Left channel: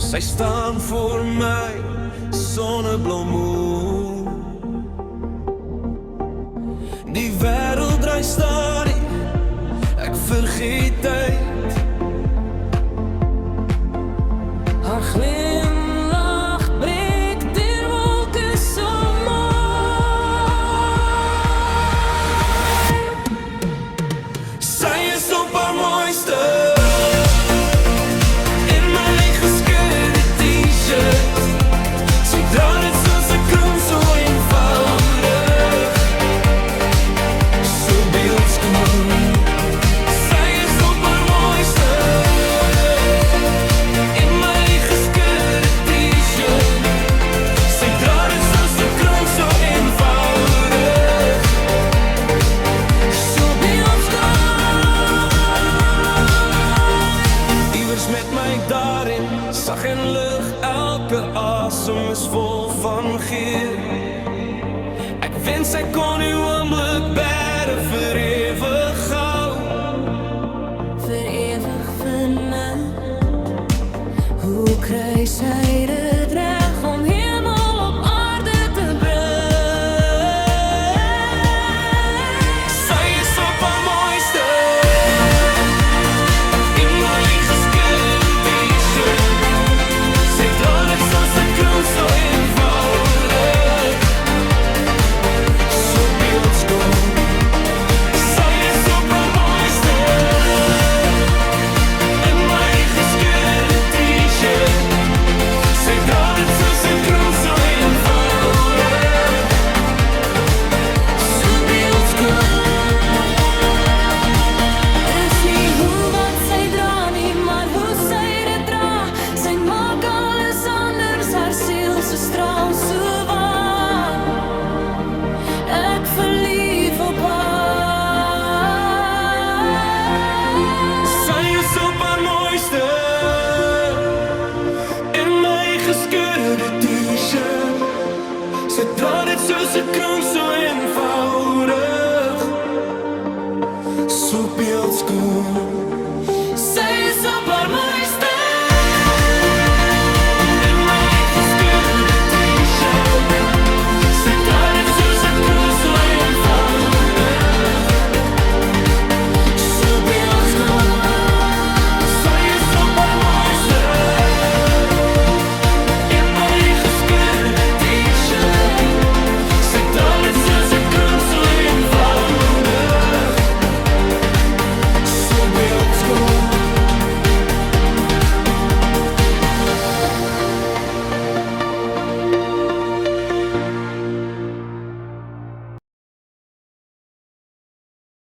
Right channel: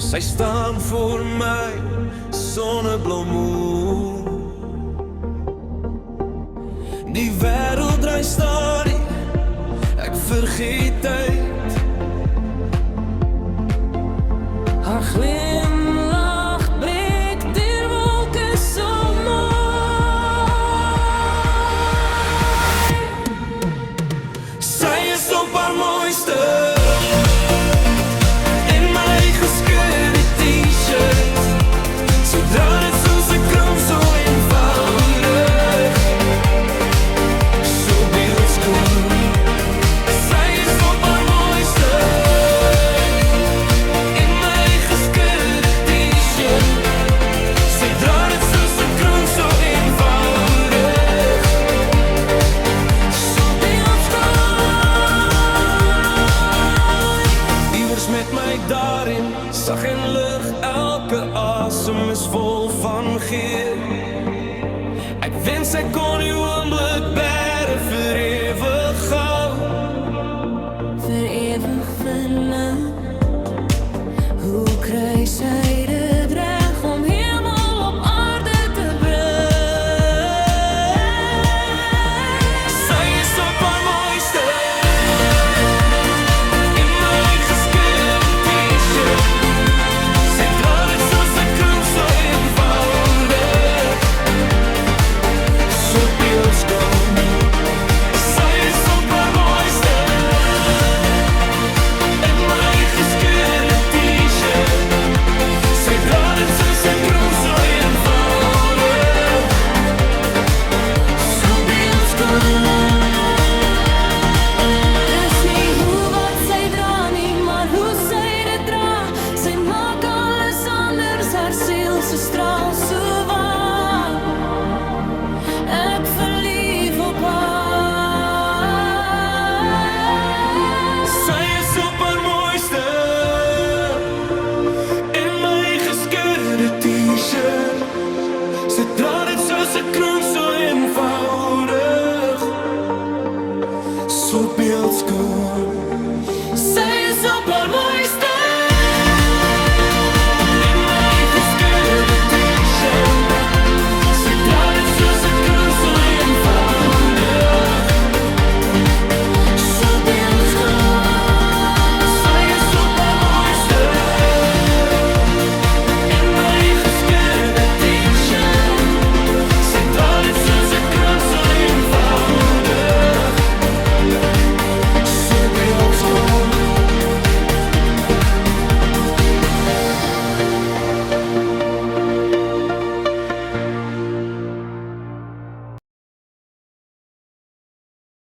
Sy staan voor my, sonnebloemoe. Die wêreld draai stadig, ek vergeet tyd. Haar glimlach breek deur wolke so mooi. Sy is op haar mooiste in my gescheurde t-shirt. Sy dra dit soos 'n kroon, so eenvoudig, so beeldskoon. Sy is op haar mooiste in my gescheurde t-shirt. Sy dra dit soos 'n kroon, so eenvoudig, so beeldskoon. Iewers met my daarin, sag en lig, elke asem is vol van geur. Ek wens ek kon die oomblik bære vir ewig gou. Vir ewig vinnig. Hoe kry sy dit reg om hemel op aarde te bring? Sy is op haar mooiste in my gescheurde t-shirt. Sy dra dit soos 'n kroon, so eenvoudig, so beeldskoon. Sy is op haar mooiste in my gescheurde t-shirt. Sy dra dit soos 'n kroon, so eenvoudig, so beeldskoon. Dis nie hoe wat sy dra nie, maar hoe sy dit dra. Sy maak alles anders, haar siel se straal so waar. Ek verlief op haar. Sy is op haar mooiste in my gescheurde t-shirt. Sy dra dit soos 'n kroon, so eenvoudig, so beeldskoon.